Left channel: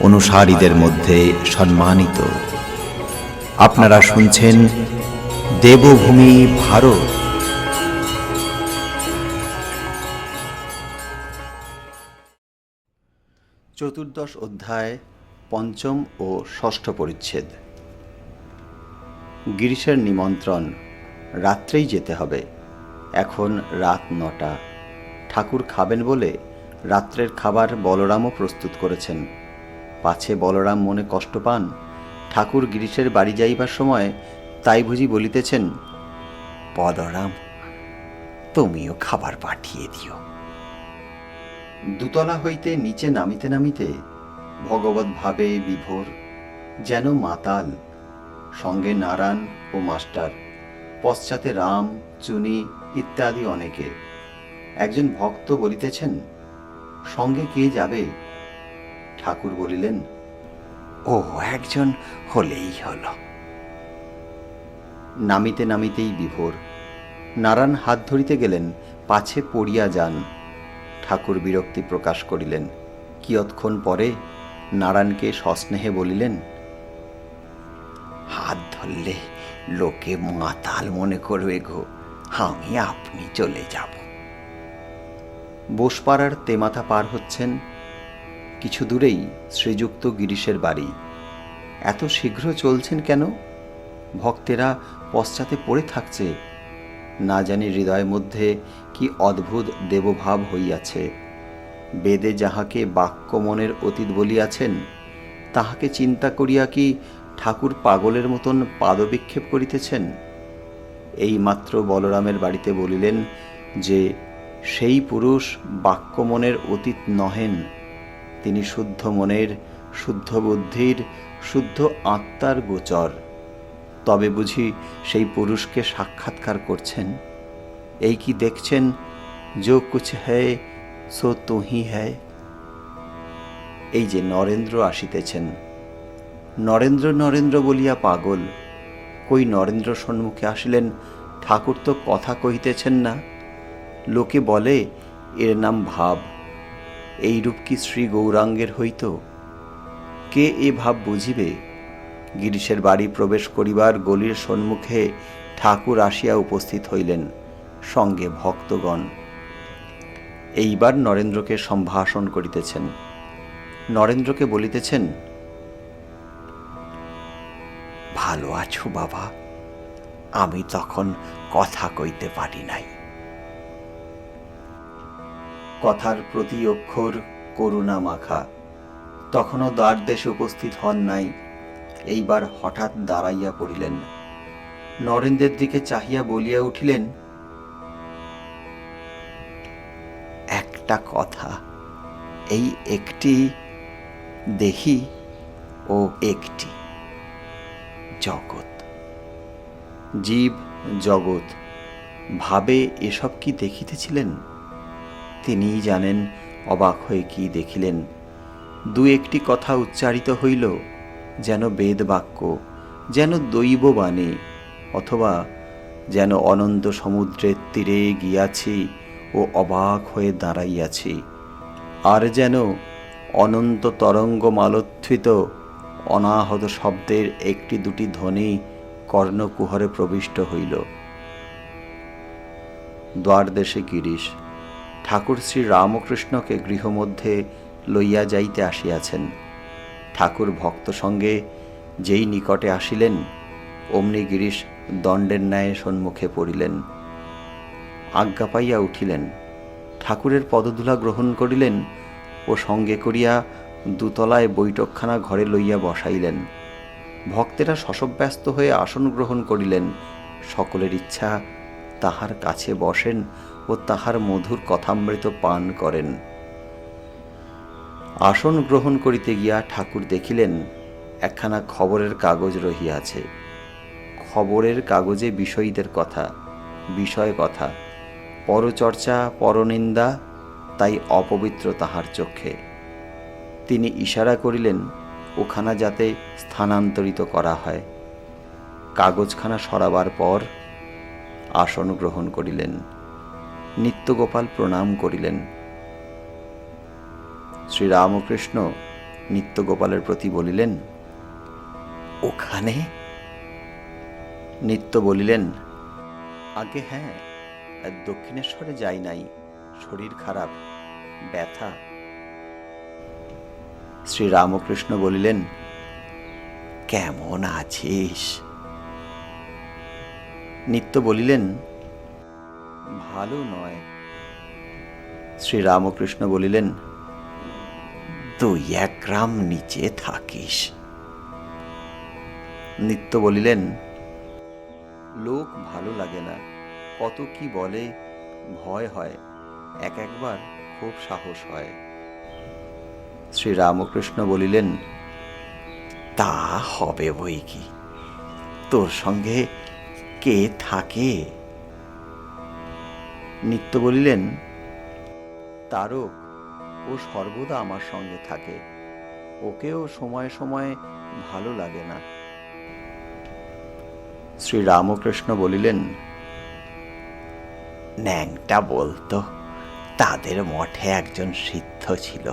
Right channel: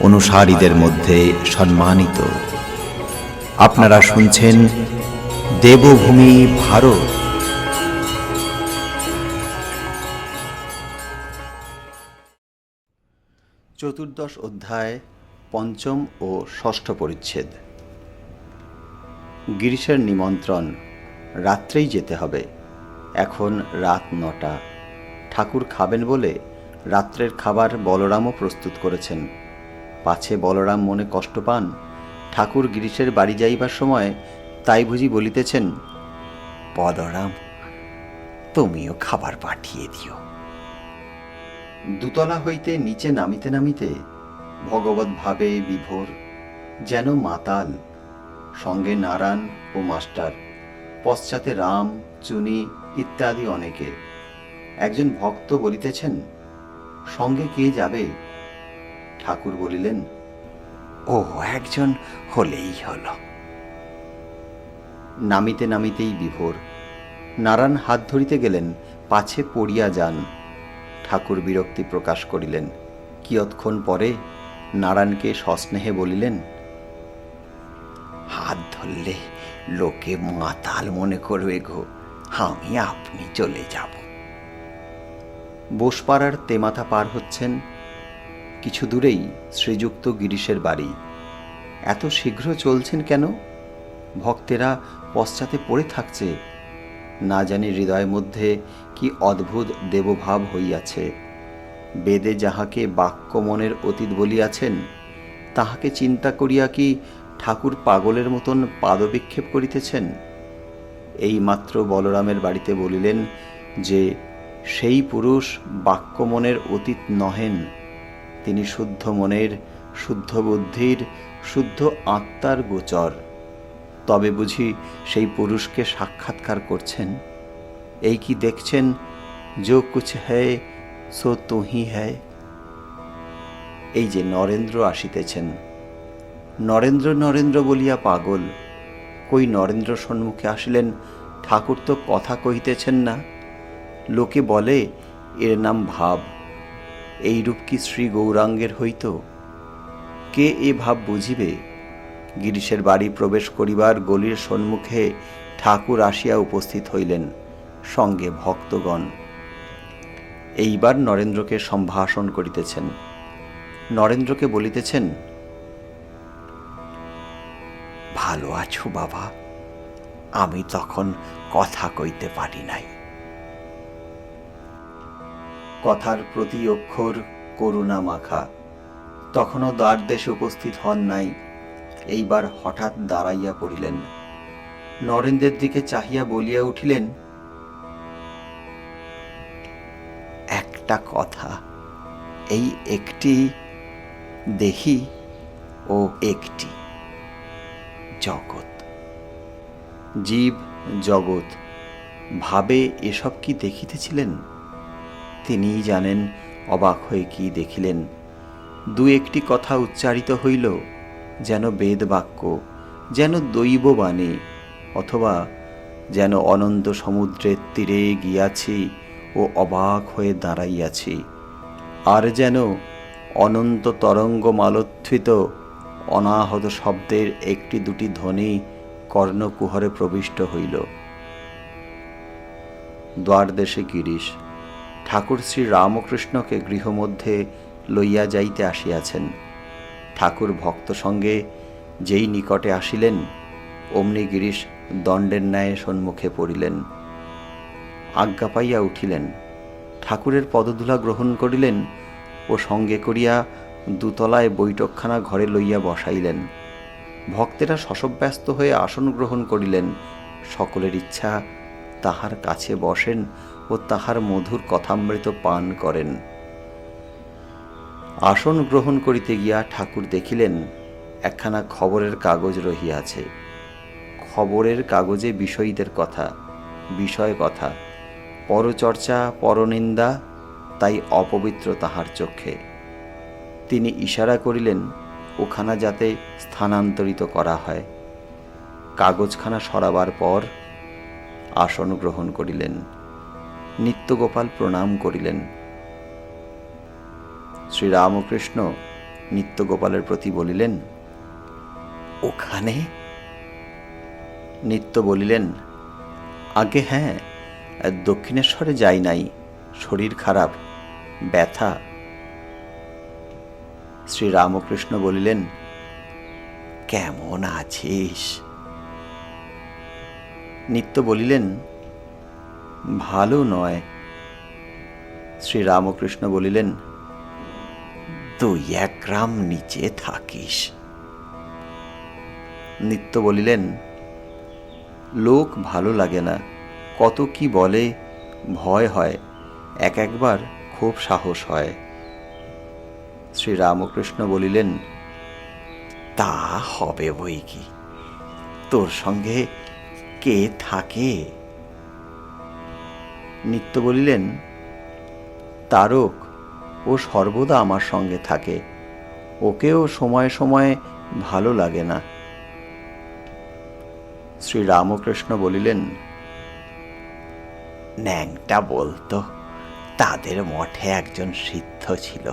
অনুসারীদের মধ্যে সম্মানিত। আপনারা শুনছেন দেবভূমি ভারত। চতুর্দশ অধ্যায়, পঞ্চম ও ষষ্ঠ পরিচ্ছেদ। গিরিশের নিমন্ত্রণ, রাত্রেই যেতে হবে। এখন রাত নটা। ঠাকুর খাবেন বলে রাত্রের খাবার বলরামও প্রস্তুত করেছেন। পাছে বলরাম মনে কষ্ট পান। ঠাকুর গিরিশের বাড়ি যাইবার সময় তাই বুঝি বলিতেছেন, বলরাম, তুমিও খাবার পাঠিয়ে দিও। দুতলা হইতে নিচে নামিতে নামিতে ভগবত ভাবে বিভোর যেন মাতাল, সঙ্গে নারায়ণ ও মাস্টার, পশ্চাতে রাম, চুনি ইত্যাদি অনেকে। একজন ভক্ত বলিতেছেন, সঙ্গে কে যাবে? ঠাকুর বলিলেন, ও একজন হলেই হলো। নামিতে নামিতেই বিভোর। নারায়ণ হাত ধরিতে গেলেন, পাছে পড়িয়া যান। ঠাকুর বিরক্তি প্রকাশ করিলেন। কিয়ৎক্ষণ পরে নারায়ণকে সস্নেহে বলিলেন, হাত ধরলে লোকে মাতাল মনে করবে গো, আমি আপনি চলে যাব। বোসপাড়ার তেমাথা পার হচ্ছেন কিছু দূরেই শ্রীযুক্ত গিরিশের বাড়ি। এত শীঘ্র চলছেন কেন? ভক্তেরা পশ্চাতে পড়ে থাকছে। না জানি হৃদয়ের মধ্যে কি অদ্ভুত দেবভাব হইয়াছে। বেদে যাহাকে বাক্য মনের অতীত বলিয়াছেন, তাহাকে চিন্তা করিয়া কি ঠাকুর পাগলের মতন পাদবিক্ষেপ করিতেছেন? এই মাত্র বলরামের বাড়িতে বলিলেন যে, সেই পুরুষ বাক্য মনের অতীত নহেন। তিনি শুদ্ধ মনের, শুদ্ধ বুদ্ধির, শুদ্ধ আত্মার গোচর। তবে বুঝি সেই পুরুষকে সাক্ষাৎকার করছেন। এই কি দেখছেন? যো কুছ হ্যায় সো তুহি হ্যায় এই যে নরেন্দ্র আসিতেছেন। নরেন্দ্র নরেন্দ্র বলিয়া পাগল। কই নরেন্দ্র সম্মুখে আসলেন? ঠাকুর তো কথা কহিতেছেন না। লোকে বলে, এর নাম ভাব। এই রূপ কি শ্রী গৌরাঙ্গের হইত? কে এ ভাব বুঝিবে? গিরিশের বাড়ি প্রবেশ করিবার গলির সম্মুখে ঠাকুর আসিয়া উপস্থিত হইলেন সঙ্গে ভক্তগণ। এইবার নরেন্দ্রকে সম্ভাষণ করিতেছেন। নরেন্দ্রকে বলিতেছেন, ভালো আছো বাবা। আমি তখন কথা কইতে পারি নাই। কথার প্রতি অক্ষর করুণা মাখা। তখনও দ্বার দেশে উপস্থিত হন নাই। এইবার হঠাৎ দাঁড়াইয়া পড়িলেন। নরেন্দ্রের দিকে চাহিয়া বলিয়া উঠিলেন, একটা কথা, এই একটি দেখি ও একটি জগৎ। জীব জগৎ, ভাবে এসব কি দেখিতেছিলেন? তিনিই জানেন, অবাক হয়ে কি দেখিলেন। দু একটি কথা উচ্চারিত হইল, যেন বেদ বাক্য যেন দৈব বাণী অথবা যেন অনন্ত সমুদ্রের তীরে গিয়াছি ও অবাক হয়ে দাঁড়াইয়াছি। আর যেন অনন্ত তরঙ্গ মালোত্থিত, অনাহত শব্দের একটি দুটি ধ্বনি কর্ণকুহরে প্রবিষ্ট হইল। দ্বারদেশে গিরিশ ঠাকুর শ্রী রামকৃষ্ণকে গৃহমধ্যে লইয়া যাইতে আসিয়াছেন। ঠাকুর ভক্ত সঙ্গে যেই নিকটে আসিলেন, অমনি গিরিশ দণ্ডের ন্যায় সম্মুখে পড়িলেন। আজ্ঞা পাইয়া উঠিলেন। ঠাকুরের পদধূলা গ্রহণ করিলেন ও সঙ্গে করিয়া দুতলায় বৈঠকখানা ঘরে লইয়া বসাইলেন। ভক্তেরা শশব্যস্ত হয়ে আসন গ্রহণ করিলেন। সকলের ইচ্ছা তাহার কাছে বসেন ও তাহার মধুর কথামৃত পান করেন। আসন গ্রহণ করিতে গিয়া ঠাকুর দেখিলেন, একখানা খবরের কাগজ রহিয়াছে। খবরের কাগজে বিষয়ীদের কথা, বিষয় কথা, পরচর্চা, পরনিন্দা, তাই অপবিত্র তাহার চোখে তিনি ইশারা করিলেন, ওখানা যাতে স্থানান্তরিত করা হয়। কাগজখানা সরাবার পর আসন গ্রহণ করিলেন। নিত্যগোপাল প্রণাম করিলেন। শ্রীরামকৃষ্ণ নিত্যগোপালের প্রতি বলিলেন, ওখানে? নিত্য বলিলেন, আগে হ্যাঁ দক্ষিণেশ্বরে যাই নাই, শরীর খারাপ, ব্যথা। শ্রীরামকৃষ্ণ বলিলেন, কেমন আছিস? নিত্য বলিলেন ভালো নয়। শ্রীরামকৃষ্ণ বলিলেন দুই এক গ্রাম নিচে থাকিস। নিত্য বলিলেন, লোক ভালো লাগে না, কত কি বলে, ভয় হয়, এক একবার খুব সাহস হয়। শ্রীরামকৃষ্ণ বলিলেন, তা হবে বই কি তোর সঙ্গে কে থাকে? নিত্য বলিলেন, তারক, ও সর্বদা আমার সঙ্গে থাকে। ওকেও সময় সময় ভালো লাগে না। শ্রীরামকৃষ্ণ বলিলেন, ন্যাংটা বলতো, তাদের মঠে একজন সিদ্ধ ছিল।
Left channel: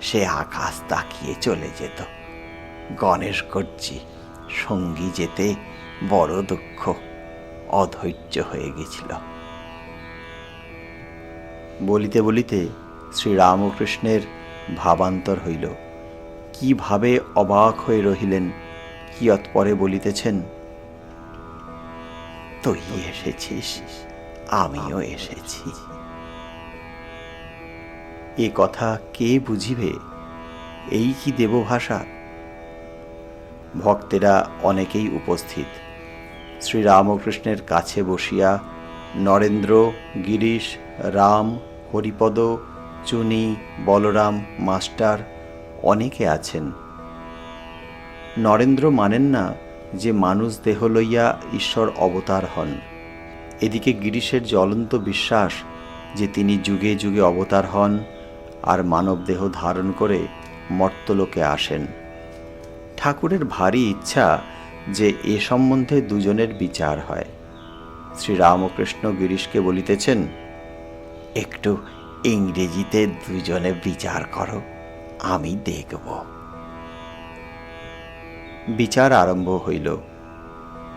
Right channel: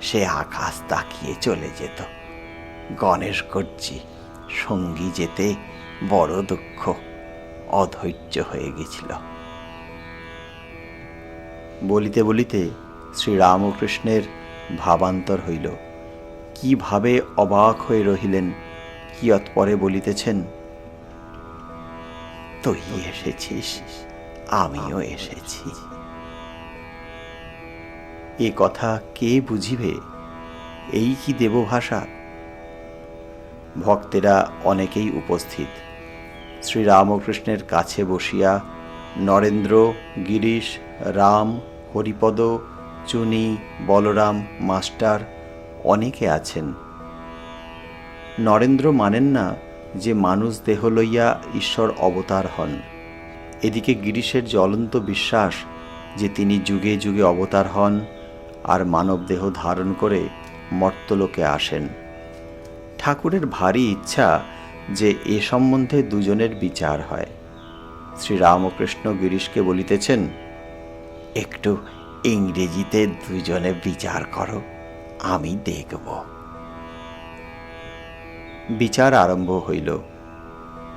সে আকাশ তাকিয়ে চলে যেত। গণেশ গর্জি সঙ্গী যেতে বড় দুঃখ, অধৈর্য হয়ে গেছিল। বলিতে বলিতে শ্রীরামকৃষ্ণের ভাবান্তর হইল। কীভাবে অবাক হয়ে রহিলেন কিয়ৎপরে বলিতেছেন? তুই এসেছিস, আমিও এসেছি। এ কথা কে বুঝিবে? এই কি দেবভাষা? ভক্তেরা অনেকেই উপস্থিত। শ্রীরামকৃষ্ণের কাছে বসিয়া নরেন্দ্র, গিরিশ, রাম, হরিপদ, চুনি, বলরাম, মাস্টার অনেকে আছেন। নরেন্দ্র মানেন না যে মানুষ দেহ লইয়া ঈশ্বর অবতার হন। এদিকে গিরিশের জ্বলন্ত বিশ্বাস যে তিনি যুগে যুগে অবতার হন আর মানব দেহ ধারণ করে মর্তলোকে আসেন। ঠাকুরের ভারী ইচ্ছা যে এ সম্বন্ধে দুজনের বিচার হয়। শ্রীরামকৃষ্ণ গিরিশকে বলিতেছেন, একটু ইংরেজিতে দুজনে বিচার করো, আমি দেখব। বিচার আরম্ভ হইল।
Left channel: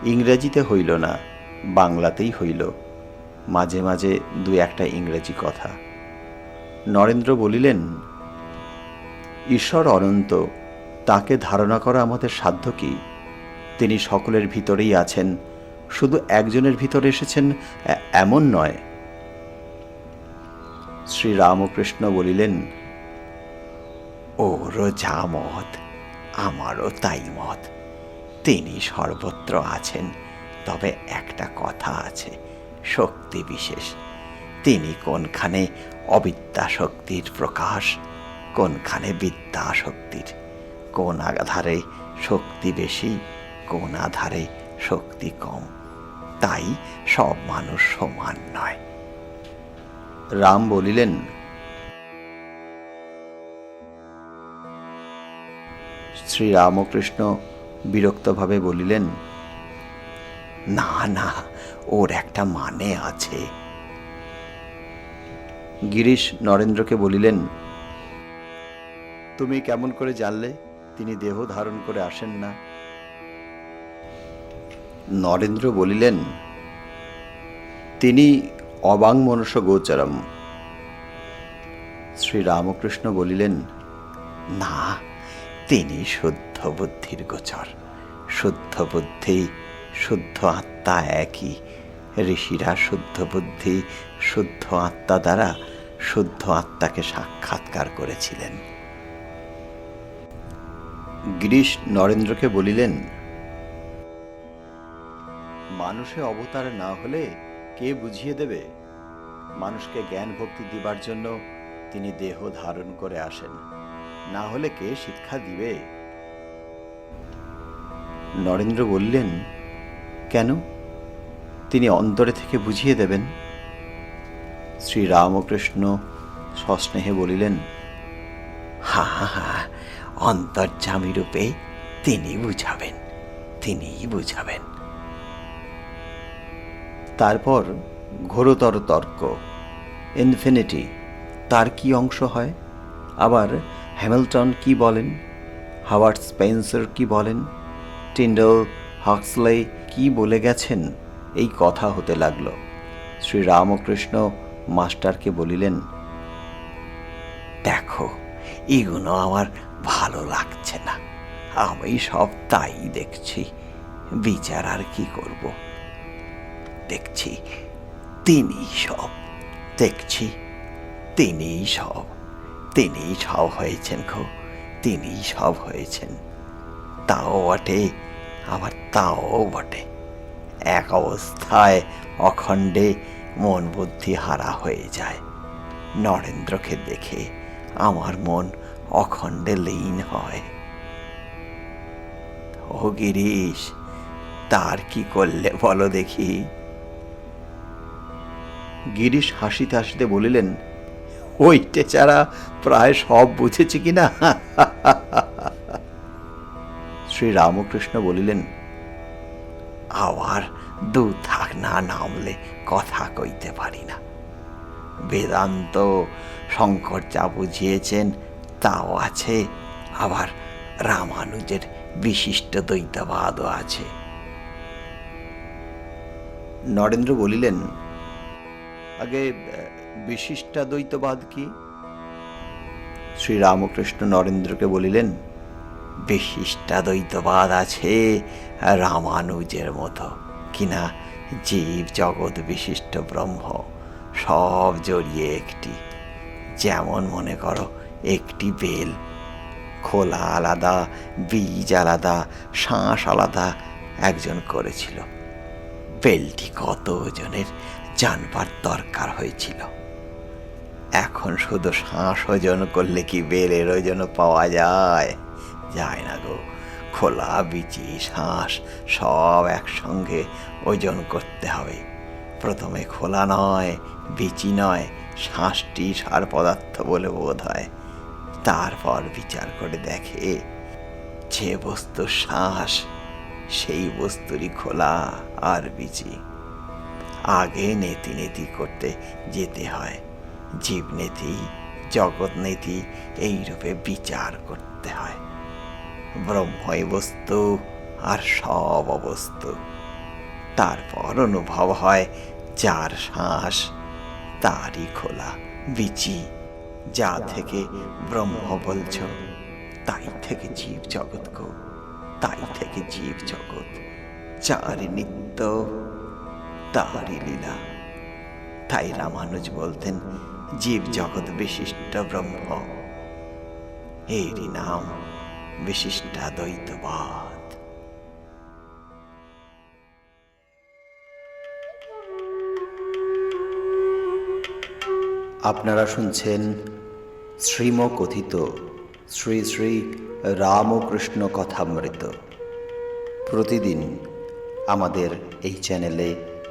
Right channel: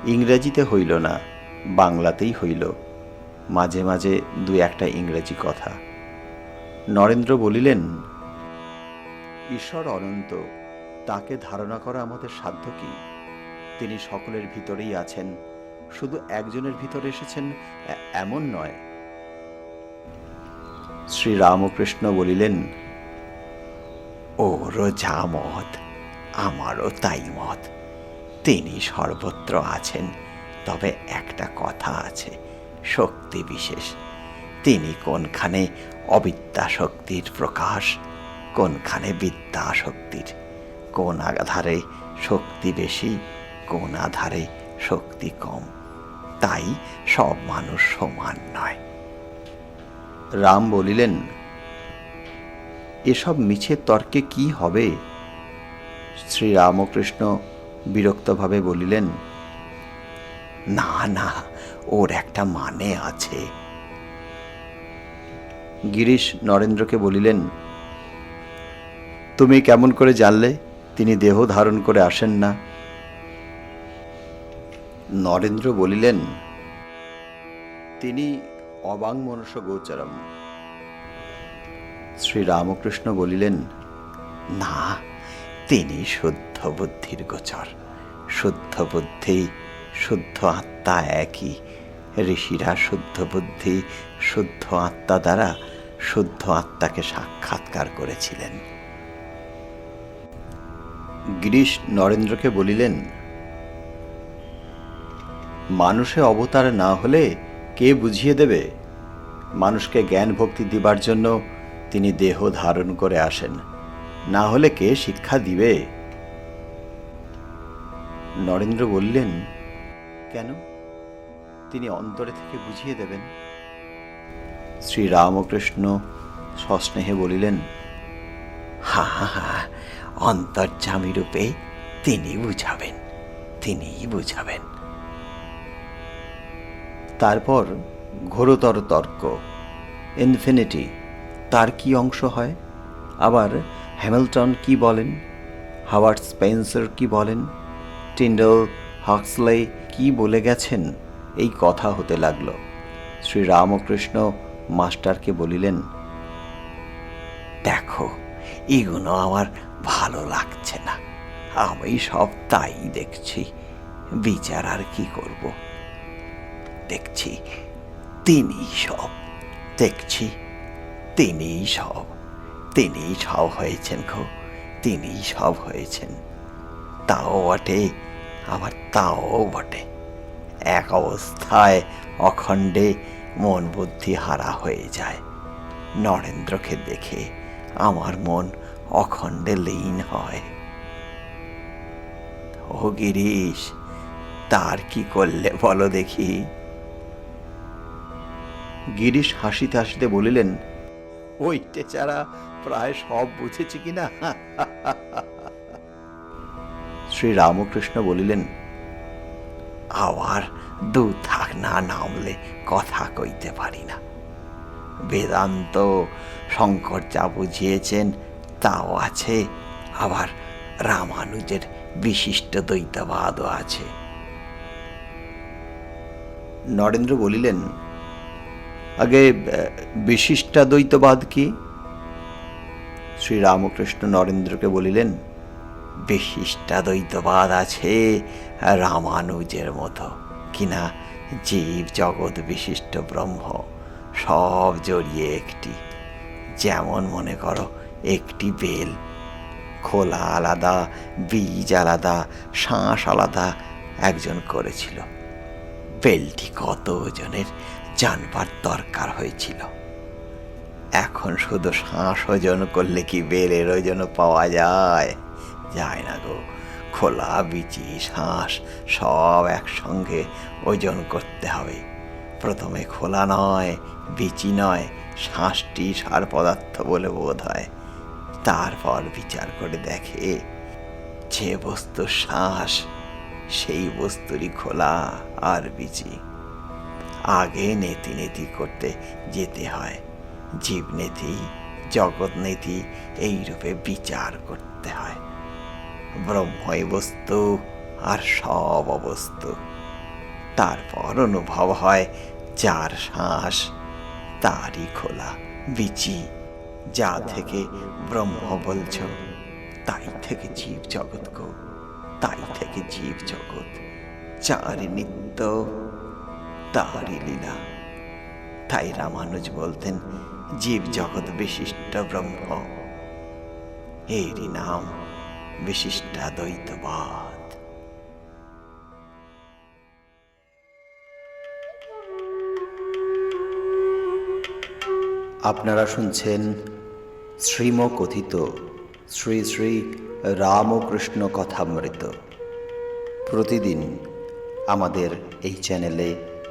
ইংরেজিতে হইল না, বাংলাতেই হইল। মাঝে মাঝে দু একটা ইংরেজি কথা। নরেন্দ্র বলিলেন, ঈশ্বর অনন্ত, তাকে ধারণা করা আমাদের সাধ্য কি? তিনি সকলের ভিতরেই আছেন শুধু একজনের ভিতরে এসেছেন এমন নয়। শ্রীরামকৃষ্ণ বলিলেন ওরও যা মত, আমারও তাই মত। তিনি সর্বত্র আছেন, তবে একটা কথা আছে, শক্তি বিশেষ। তিনি কোনখানে অবিদ্যা শক্তির প্রকাশ, কোনখানে বিদ্যা শক্তির কোন আধারে শক্তি বেশি, কোন আধারে শক্তি কম। তাই সব মানুষ সমান নয়। রাম বলিলেন এসব মিছে তর্কে কি হবে? শ্রীরামকৃষ্ণ বিরক্তভাবে বলিলেন না না ওর একটা মানে আছে। গিরিশ নরেন্দ্রকে বলিলেন তুমি কেমন করে জানলে? তিনি দেহ ধারণ করে আসেন না। নরেন্দ্র বলিলেন, তিনি অবাং মনুষ্য গোচরম। শ্রীরামকৃষ্ণ বলিলেন, না, তিনি শুদ্ধ বুদ্ধির গোচর। শুদ্ধ বুদ্ধি, শুদ্ধ আত্মা একই। ঋষিরা শুদ্ধ বুদ্ধি, শুদ্ধ আত্মা দ্বারা শুদ্ধ আত্মাকে সাক্ষাৎকার করেছিলেন। গিরিশ নরেন্দ্রকে বলিলেন মানুষে অবতার না হলে কে বুঝিয়ে দেবে? মানুষকে জ্ঞান ভক্তি দিবার জন্য তিনি দেহ ধারণ করে আসেন। না হলে কে শিক্ষা দিবে? নরেন্দ্র বললেন, কেন? তিনি অন্তরে থেকে বুঝিয়ে দেবেন। শ্রী রামকৃষ্ণ সস্নেহে বলিলেন, হা হা হা অন্তর্যামী রূপে তিনি বুঝাবেন, তিনিই বুঝাবেন। তারপর ঘোরতর তর্ক ইনফিনিটি তার কি অংশ হয়? আবার হ্যামিল্টন কি বলেন? হাওয়ার্ড স্পেন্সার কি বলেন? টিন্ডল হাক্সলে কি বলে গেছেন? এই কথা হতে লাগল। শ্রী রামকৃষ্ণ মাস্টারকে বলিলেন, দেখো, এগুলো আমার ভালো লাগছে না। আমি সব তাই দেখছি। বিচার আর কি করব? দেখছি তিনি সব। দেখছি তিনি সব। তিনি সব হয়েছেন খো তিনি সব হয়েছেন। তাও বটে আবার তাও বটে। এক অবস্থায় অখণ্ডে মন বুদ্ধি হারা হয়ে যায়। নরেন্দ্রকে দেখে আমার মন অখণ্ডে লীন হয়। ও গিরিশ, তার কি করলে বলো দেখি। গিরিশ হাসিতে হাসিতে বলিলেন, ওইটে ছাড়া প্রায় সব বুঝেছি কিনা শ্রী রামকৃষ্ণ বলিলেন আবার দু থাক না নামলে কথা কইতে পারি না। বেদান্ত শঙ্কর যা বুঝিয়েছেন তাও আছে, আবার রামানুজের বিশিষ্ট দ্বৈতবাদও আছে। নরেন্দ্র বলিলেন আগে বিশিষ্টাদ্বৈতবাদ কি? শ্রী রামকৃষ্ণ নরেন্দ্রকে বলিলেন বিশিষ্টাদ্বৈতবাদ আছে রামানুজের মতো। কিনা? জীব জগৎ বিশিষ্ট ব্রহ্ম, সব জড়িয়ে একটি। যেমন মনে করো, একটি বেল। খোলা আলাদা, বীজ আলাদা শ্বাস আলাদা, একজন করেছিল। বেলটি কত ওজনের জানবার দরকার হয়েছিল। এখন শুধু শ্বাস ওজন করলে কি বেলের ওজন পাওয়া যায়? যায় না গো। খোলা, বিচি শ্বাস সব একসঙ্গে ওজন করতে হবে। প্রথমে খোলা নয়, বিচি নয় শ্বাসটি সার পদার্থ বলে বোধ হয়। তারপর বিচার করে দেখে যে বস্তু শ্বাস সেই বস্তুরই খোলা আর বিচি। আগে নেতি নেতি করতে যেতে হয়। জীব নেতি, জগৎ নেতি, এই রূপে বিচার করতে হয়। ব্রহ্মই বস্তু আর সব অবস্তু। তারপর অনুভব হয় যার শ্বাস, তারই খোলা, বিচি। যা থেকে ব্রহ্ম বলছ, তাই থেকে জীব জগৎ গো। তাই থেকে জীব জগৎ চারি নিত্য তারই লীলা। তাই রামানুজ বলতেন, জীব জগৎ বিশিষ্ট ব্রহ্ম। এরই নাম বিশিষ্টাদ্বৈতবাদ। আপনারা শুনছেন শ্রীম কথিত শ্রী শ্রী রামকৃষ্ণ কথামৃত প্রতিদিন আমাদের এই চ্যানেলে